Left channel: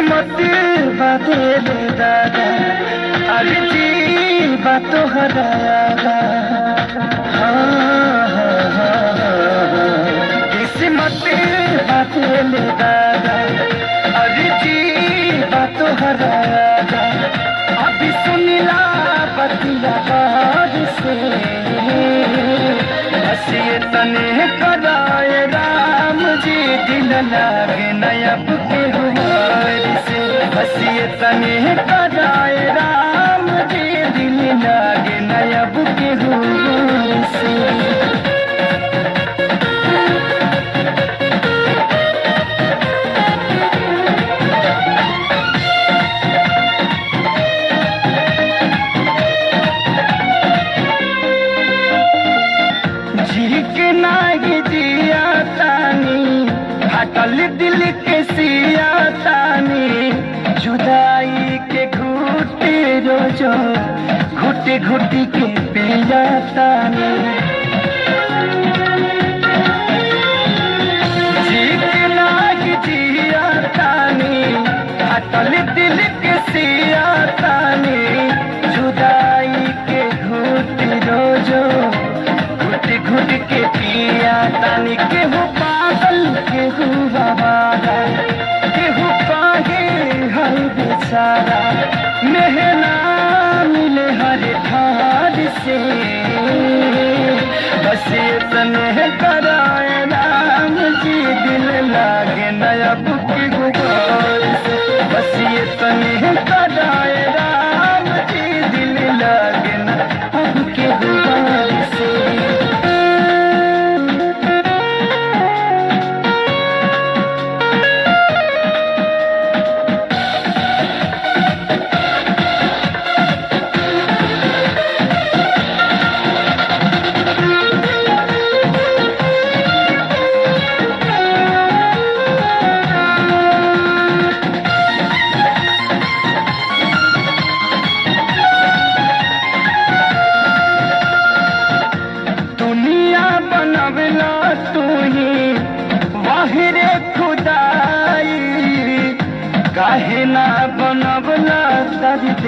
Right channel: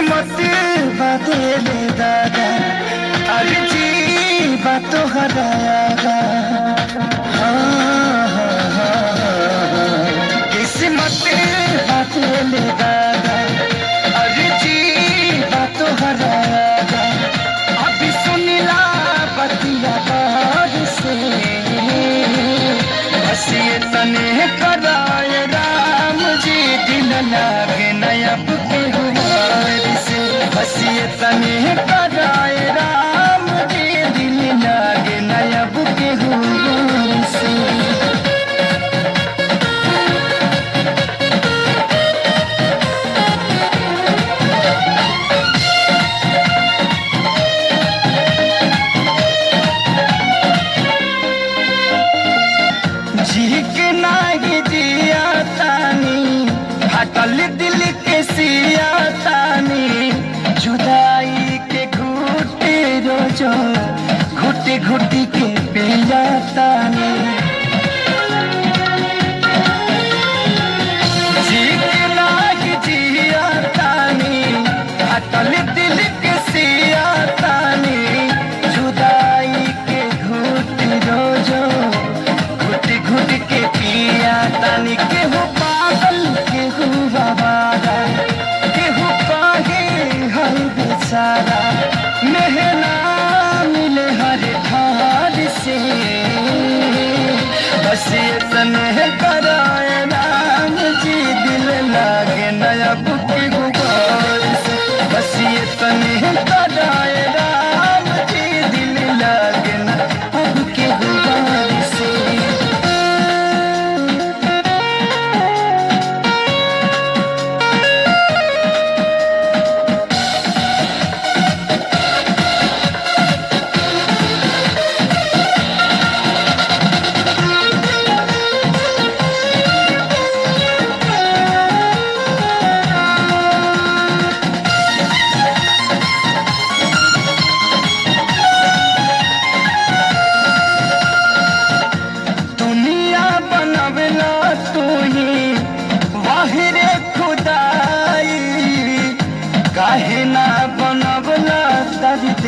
किस्मत बदले दादा अर्जी बात हराया किस्मत बदले दादा अर्जी बात हराया अभी सुनिला पतिया बार से बस ये तने कराए राम जी दिल लागे नया बुके हुआर से बस ये तने कराए राम जी दिल लागे नया बुके हुआर से जी के नागी जिया तानी हटल दिल के सिया तानी जुदाई के घुटे रोजो घुटे घुटी के पिया तानी जी के नागी जिया तानी हटल दिल के सिया तानी जुदाई के घुटे रोजो घुट के पिया तानी केहू पागल केहू रवाना केहू काहे हर बेचारा मेहना मिले हर ठार से बस ये तने कराए राम जी दिल लागे नया बुके गुजार से बस ये तने कराए राम जी दिल लागे नया बुके गुजार से दुनिया बनवला तू ही वाहिरे खुदाई काहे ना बनवला दर्द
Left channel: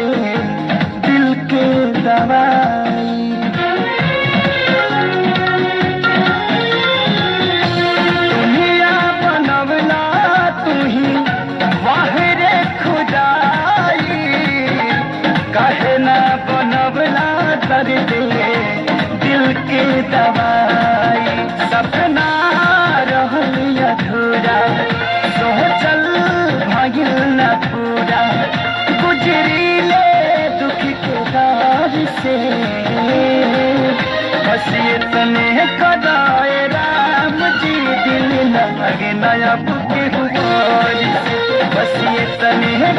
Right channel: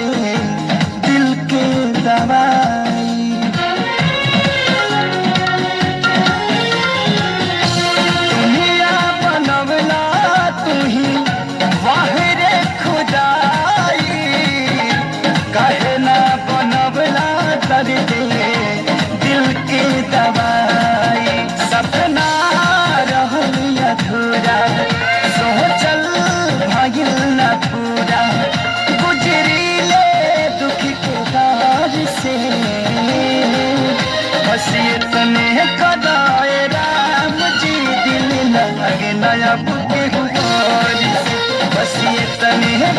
दिल के दवाई दुनिया बनवला तू ही वाहिरे खुदाई काहे ना बनवला दर्द दिल के दवाई सपना रहल अधूरा सोचल भइल न पूरा गुजरीले दुख के बार से बस ये तने कराए राम जी दिल लागे नया बुके हुआर से बस ये तने